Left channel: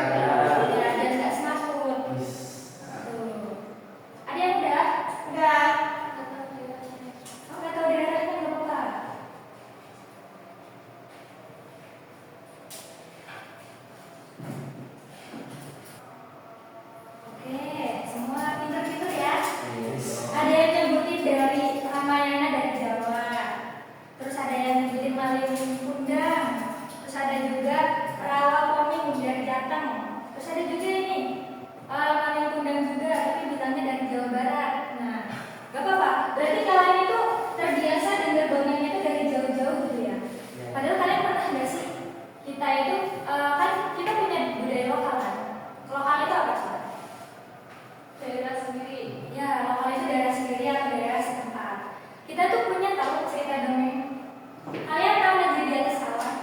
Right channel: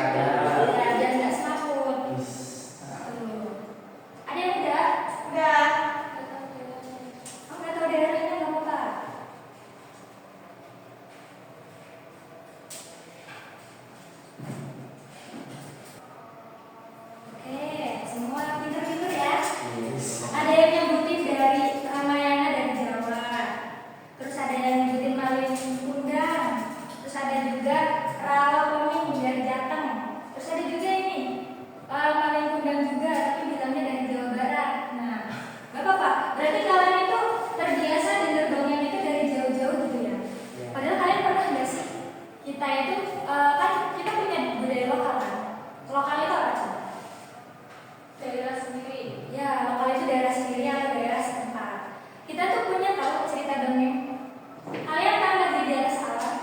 Biar nggak semaput. Tuh. Ada yang udah? Udah. Oh, nggak tahu daerahnya nggak apa-apa. Oke, semua pintar-pintar ya. Ada yang nyebutin dari Ramayana dari Jawa. Terus ada yang nyebutin Malin Kundang. Terus ada juga Rawapening dari Jateng. Terus ada juga ini Malin Kundang juga, tapi bilangnya dari Jawa Barat. Nah, gak apa-apa. Berarti kalian itu terbiasa dengar dongeng itu dari jauh-jauh gitu ya. Padahal kalian pernah nggak sih? Kita itu kan kita punya budaya lokal kan. Lokal itu apa sih? Daerah sendiri. Ya, lokal itu daerah sendiri atau daerah setempat. Kita tuh punya tahu cerita dongeng. Kalian tahu negeri di atas awan?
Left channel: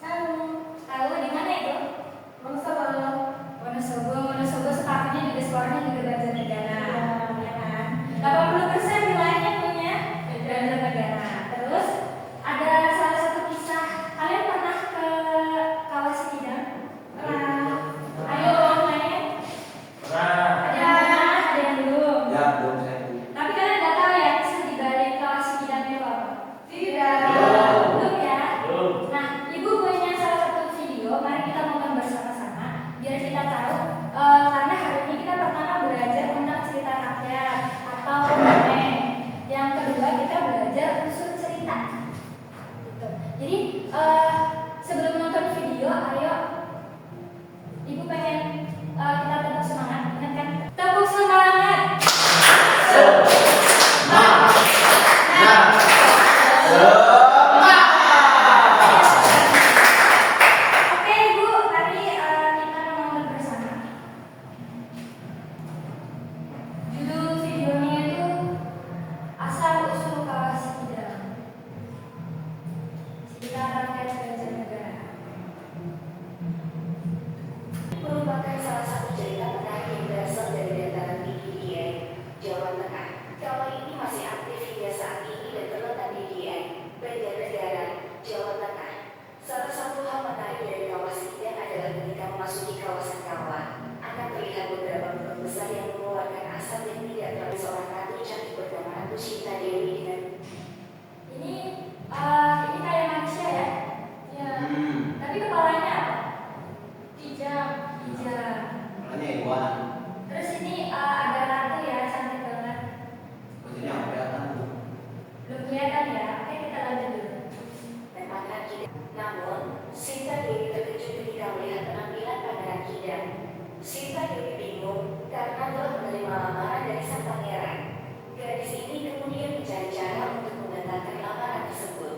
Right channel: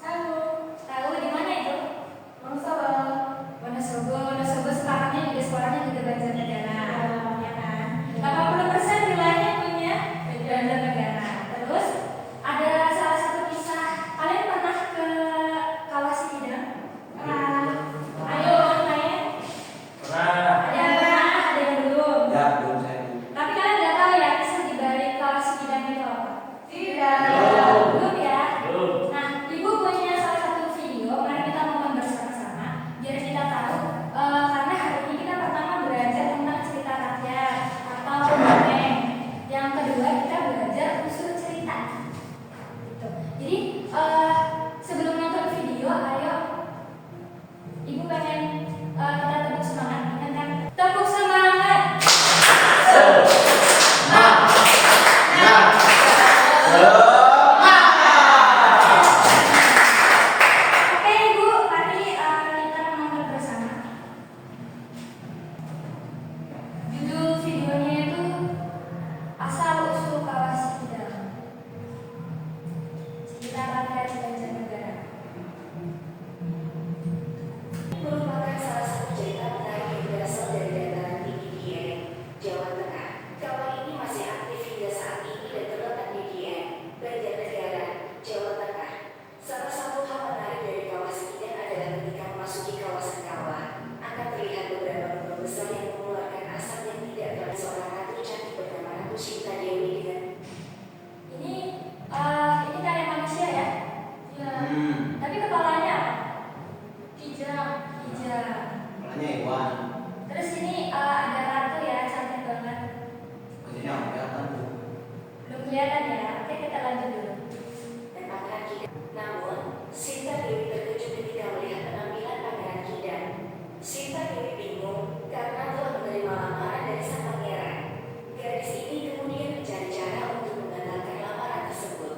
Tahu. Tahu di mana itu? Wonosobo. Wonosobo sekarangnya juga Banjarnegara, ya kan? 80% wilayahnya punya Banjarnegara. Terus ada salah satu kisah. Kalian pernah ke Kawah Sikidang? Pernah. Ayo tanya. Ada yang belum? Ya, belum saya. Tapi kalian nggak tahu ya kisah di balik Kawah Sikidang itu apa? Tidak. Belum ya? Nah, Ibu punya salah satu video, mari kita nonton bersama-sama biar kita tahu. Karena hari ini kita pertama belajar tentang cerita rakyat atau dongeng. Yang kedua kita belajar unsur cerita. Gitu. Jadi sebelum nonton video, ayo Ibu pengen kita tepuk semangat, ingat kan? Tepuk semangat. Oke Ibu, mari kita menonton bersama. Judul videonya itu Asal Usul Kawah Sikidang. Cerita rakyat Banjarnegara. Merupakan salah satu cerita menarik yang berasal dari dataran tinggi Dieng, Jawa Tengah. Kawah ini masih aktif hingga saat ini dan terletak di Dieng, Banjarnegara, Jawa Tengah. Salah satu hal menarik dari Kawah Sikidang adalah ketika memasuki kawasan kawah, akan terlihat beberapa lubang besar yang mengeluarkan asap yang tidak terlalu. Seorang ratu cantik bernama Ratu Sinta Dewi dengan Ini kayak manusia ya? Ya. Tapi kepalanya apa? Kijang. Makanya hewan. Terus ini ada ratu ya, cantik banget. Maksudnya apa ya? Belum kelihatan ya? Oke, kita lanjut dulu. Pangeran Kidang. Namun, Sinta Dewi terkejut ketika melihat penampilan Pangeran Kidang. Sinta Dewi bingung karena telah menerima lamaran dari sang pangeran. Gadis ini kemudian mencari cara untuk membatalkan lamaran tersebut.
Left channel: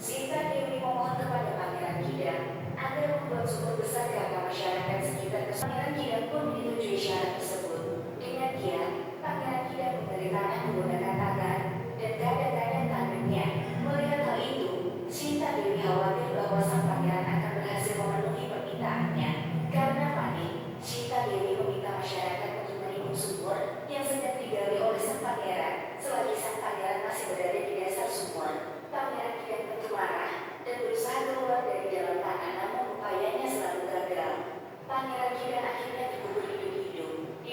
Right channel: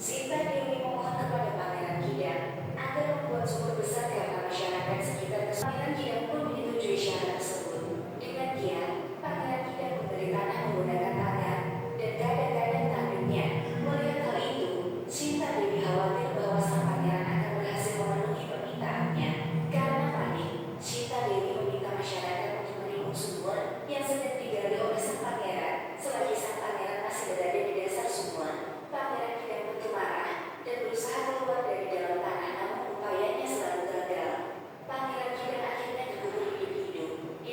Sinta Dewi memohon kepada Pangeran Kidang agar membuat sumur besar karena masyarakat sekitar. Pangeran Kidang pun menyetujui syarat tersebut. Dengan diam, Pangeran Kidang memberi tanah menggunakan tangan dan kadang-kadang tanduknya. Melihat hal itu, Sinta Dewi khawatir bahwa sang pangeran akan berhasil memenuhi permintaannya. Karena panik, Sinta Dewi meminta masyarakat untuk menimbun sumur yang sedang digali oleh sang pangeran. Selagi sang pangeran masih berada di dasar sumur, Pangeran Kidang tentu marah dan berusaha keluar dari dalam tanah, namun upayanya selalu gagal. Pangeran Kidang akhirnya dikubur hidup-hidup di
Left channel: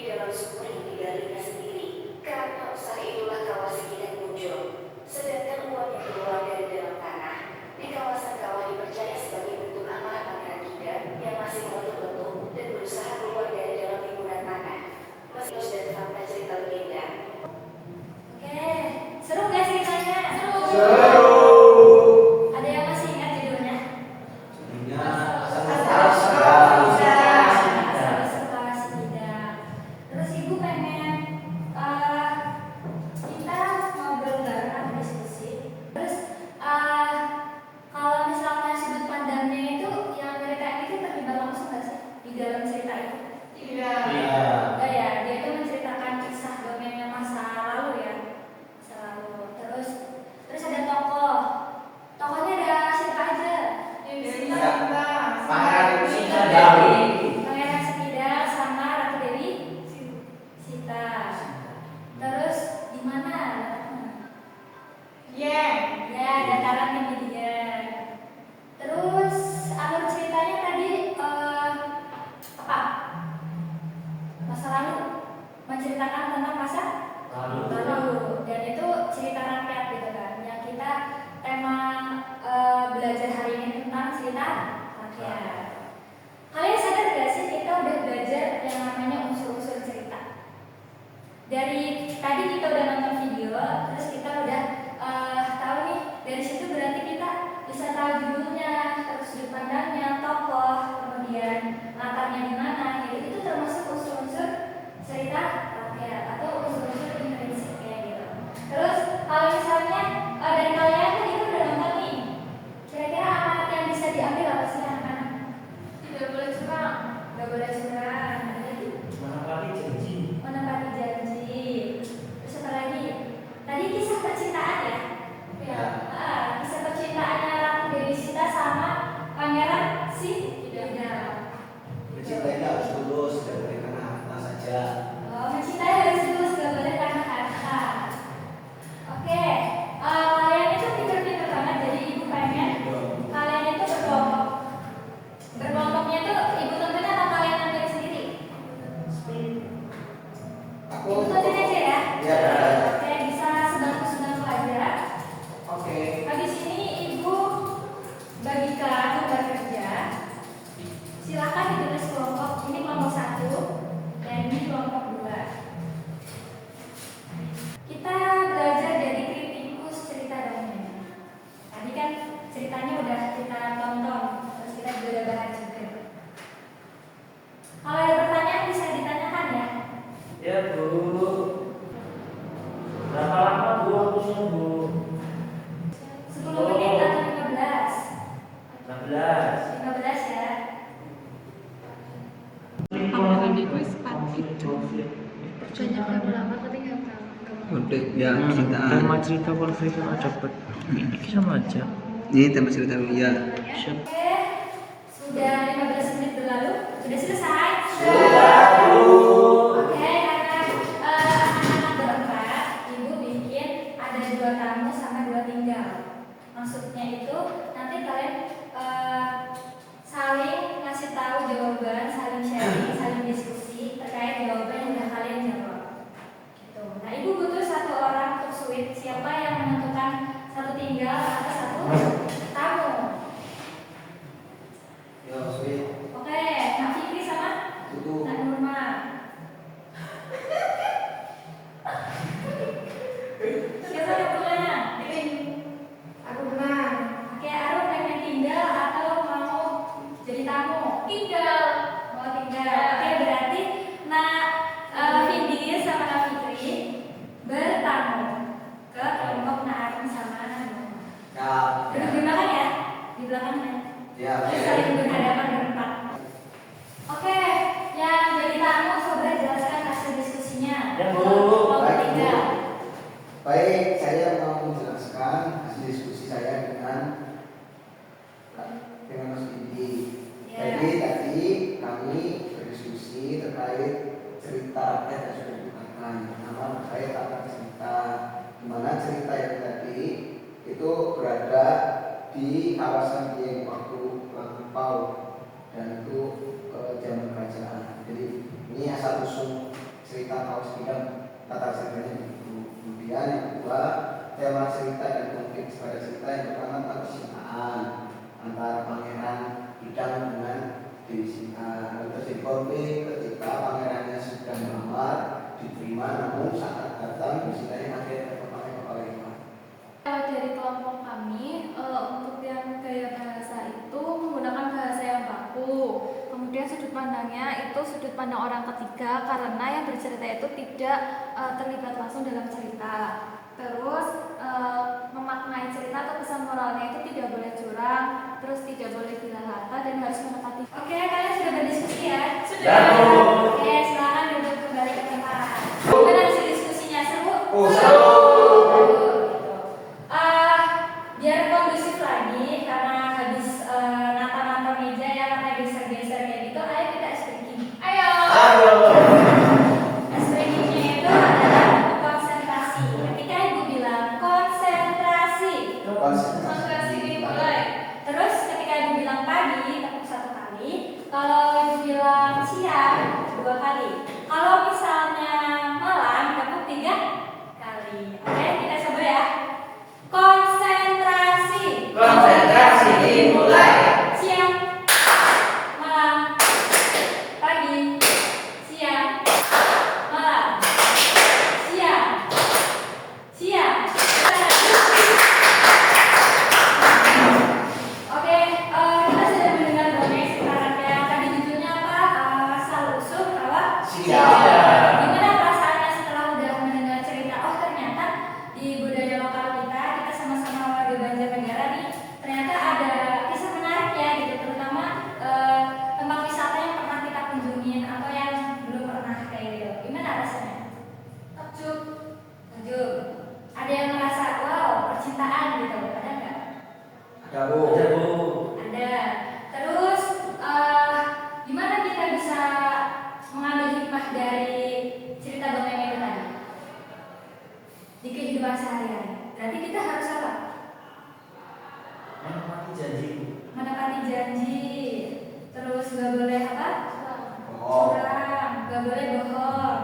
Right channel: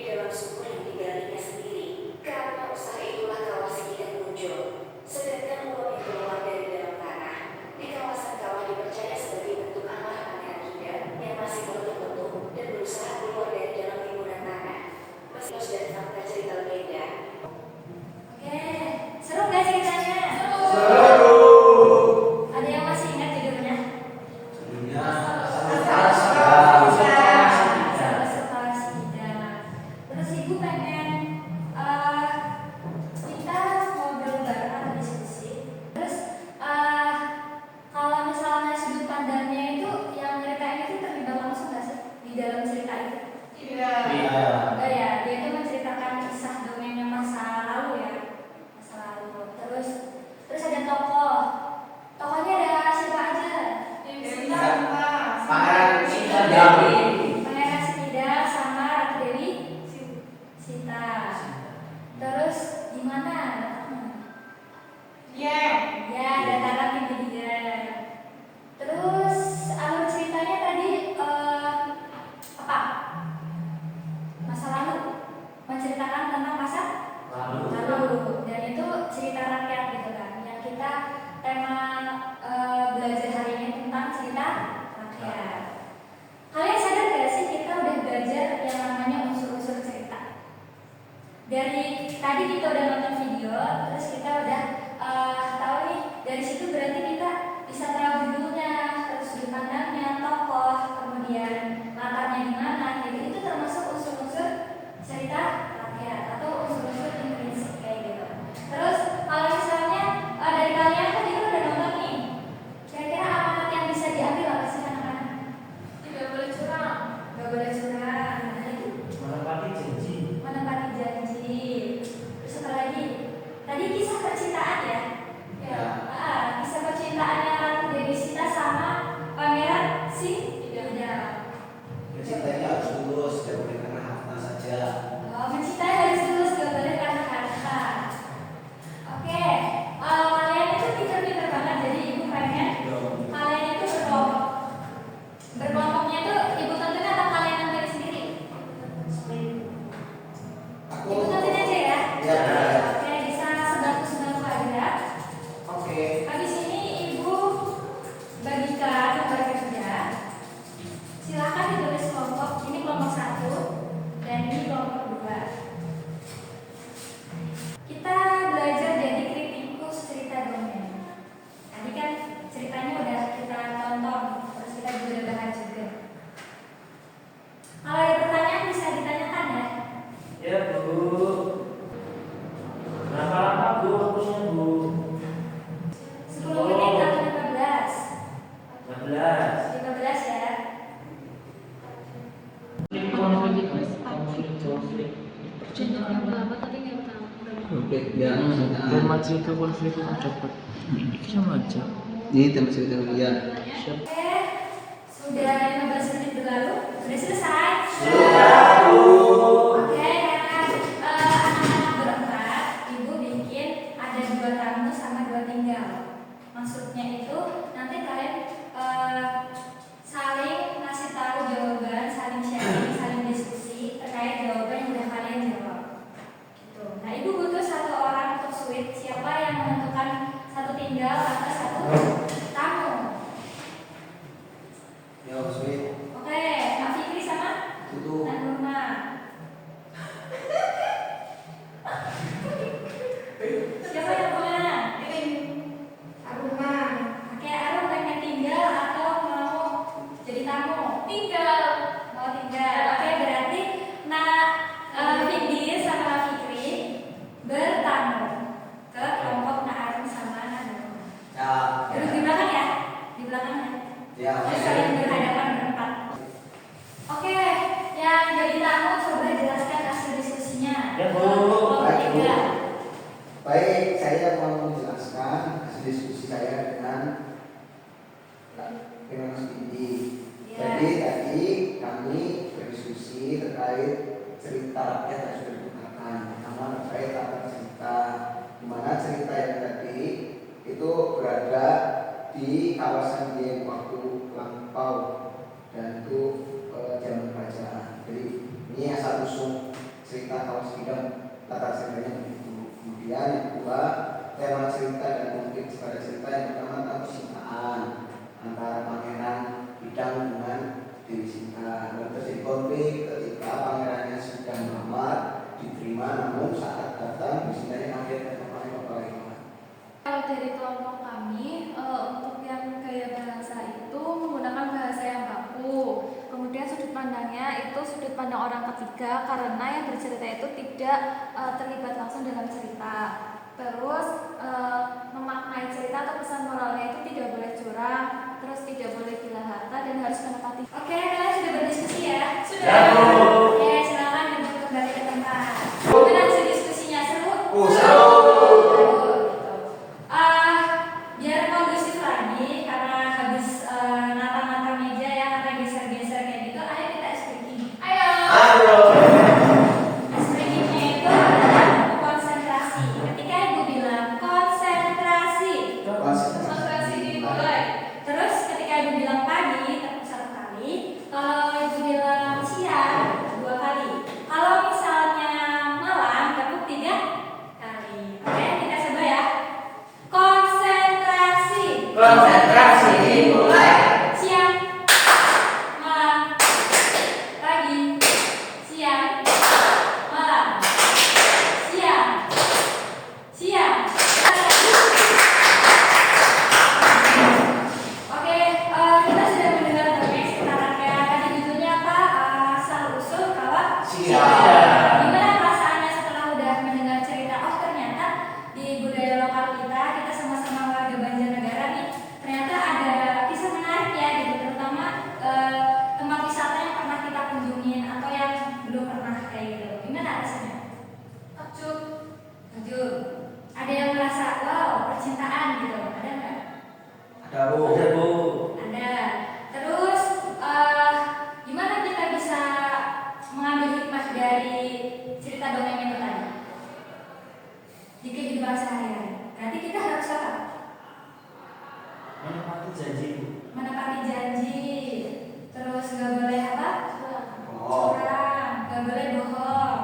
lurus, tidak boleh karena hafal saja. Oh, mencintai harus lurus, gak boleh karena kata. Oke, kalian itu pinter-pinter banget. Jadi ibu pengen kalian itu berkelompok. Berkelompoknya tuh ibu tentuin atau kalian nentuin sendiri? Ibu tentuin aja ya. Ya. Oke, bisa sedang-sedang aja. Oke. Habis ini ibu bagikan tugas kerja. Silakan ditulis kelompok. Ini kelompok 1 dan ini kelompok 2. Kita belajar jadi kritikus cerita dongeng. Tadi kan ceritanya udah kita tonton, terus kita juga udah bahas juga. Kalau ada pertanyaan bisa ditanyakan ya. Ya Bu. Berapa lama Bu waktunya Bu? 10 menit atau 15? 15. 15 ya. Banyak banget tapi nggak tahu. Konflik ya cintaan. Tema cerita konflik yang dapat. Ini sama aja. Ini tema cerita ya. Oke, sudah 15 menit berlalu. Sudah selesai? Oke, karena anak-anak berempat, ibu bikin ada 2 tamu sama 2 tinggal. Maksudnya itu nanti kalian saling ngasih tahu jawaban, saling sharing, saling diskusi terkait jawaban yang udah kalian jawab. Gitu. Nah, ibu butuh 1 orang untuk switch. Siapa yang menentukan 1 tinggal atau 1 tamu? Ya, sweet. Oke, Kak Fikri sama Itu. Kak Nurma. Siapa yang menang? Aku menang. Oke, Arum pengen tinggal atau mau jadi tamu? Tinggal. Mau tinggal. Oke, berarti Vindi sama Kak Fikri bertamu ke kelompok Arum sama Nurma. Ya. Duduk di belakang ya? Di belakangnya. Ya. Terus saling berhadapan berempat. Oke, yang jadi tamu coba jelaskan hasil diskusinya. Ya, Bu. Kelompok 3. Baik, saya mau menjelaskan hasil diskusi saya dengan Mas Didi. Ya. Jadi tadi kami berdiskusi terkait cerita rakyat yang sudah digunakan, pertama terkait tata cerita, di mana cerita yang tadi itu berada di kawasan Dieng waktu lampau dan itu zaman kerajaan. Jadi ini asal usul cerita kawas bidang tata ceritanya begitu. Kemudian yang kedua, tema cerita dan konflik pada cerita yang pertama adalah percintaan antara pangeran bidang dengan Dewi Sinta. Lalu terjadi konflik ketika pangerannya sudah melamar, diterima, namun saat datang Dewi Sintanya kaget dan bagaimana. Kalau dari kelompok kami, untuk yang gaya bahasa itu menggunakan bahasa yang baku. Kemudian sudut pandangnya itu sudut pandang orang ketiga karena yang bercerita itu tidak terlibat langsung dalam cerita. Terus memaknai cerita atau pesan moralnya itu tidak boleh curang, terus tidak boleh gila harta dan harus menepati. Oke, kalian sudah berdiskusi ya? Ya, Bu. Oke, silakan duduk kembali ke tempat. Gimana hasil diskusinya? Seru? Seru. Biar kondusif lagi karena habis natal-natal meja ya, karena geser-geser kayak gitu. Ayo kita ice breaking. Ayo. Ice breakingnya itu adalah konsentrasi. Ketika ibu bilang konsentrasi, konsentrasi dimulai. Terus ketika ibu bilang pagi, tepuk 1 kali. Kalau ibu bilang siang, boleh bohong,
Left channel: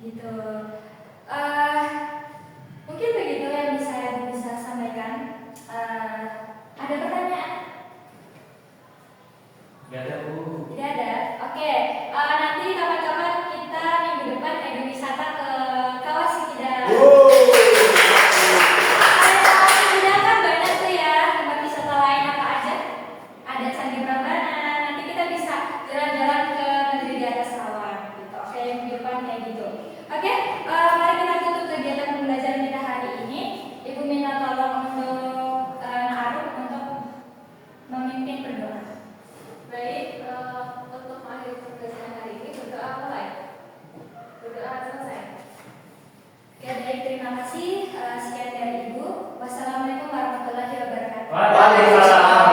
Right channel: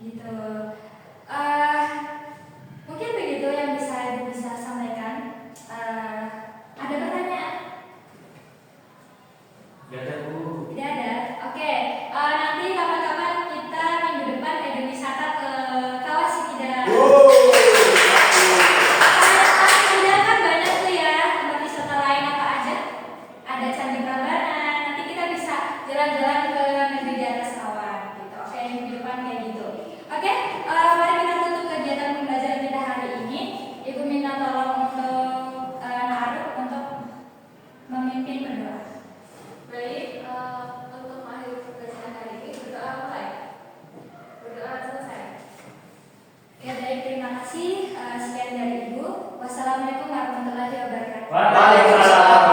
gitu. Mungkin begitu yang bisa Ibu bisa sampaikan. Ada pertanyaan? Gak ada Bu. Tidak ada. Oke. Nanti kapan-kapan kita minggu depan wisata ke Kawah Sikidang. Sikidang kan banyak tuh ya tempat wisata lain apa aja. Ada Candi Prambanan. Nanti kita bisa jalan-jalan ke negeri di atas awan. Gitu. Oke, minggu depan kayak gitu. Oke. Mari kita tutup kegiatan pembelajaran kita hari ini. Ibu minta tolong untuk Naaruk untuk memimpin berdoa. Baik, untuk mengakhiri pembelajaran hari ini berdoa mulai. Berdoa selesai. Oke, baik, terima kasih. Sekian dari Ibu. Wassalamualaikum warahmatullahi wabarakatuh. Waalaikumsalam.